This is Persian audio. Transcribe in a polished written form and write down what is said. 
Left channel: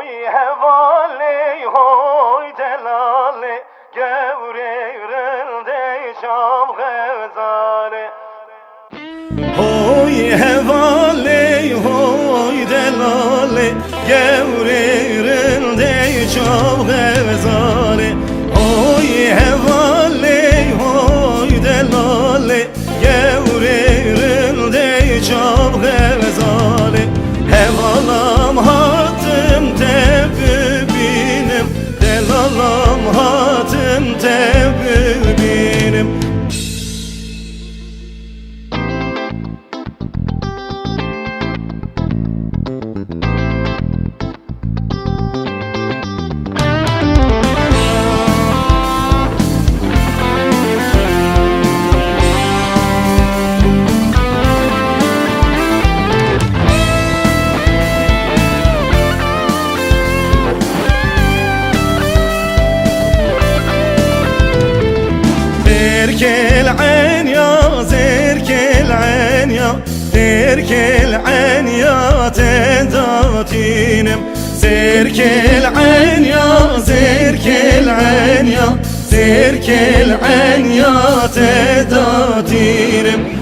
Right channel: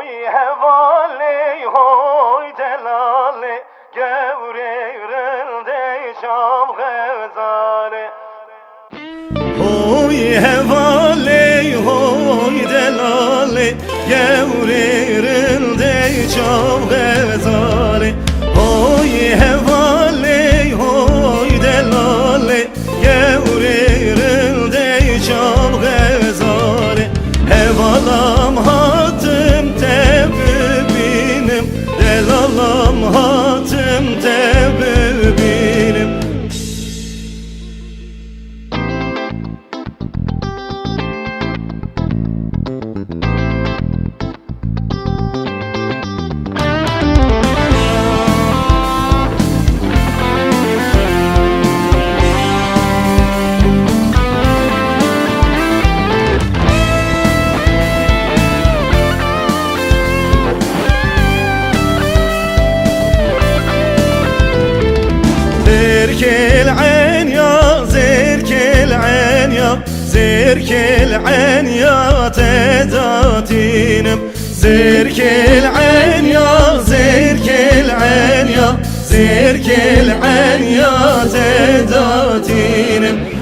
Hoy hevali hoy delali Gevreyrelde şam gazali Hoy hevali hoy delali Gevreyrelde şam gazali Hoy hevali hoy delali Gevreyrelde şam gazali Hevalam hatım tebbinim Delalam hatım tebbinim العين يا زرك العين يا زرك العين يا تداتينم زرك العين يا زرك العين يا زرك العين يا تداتينم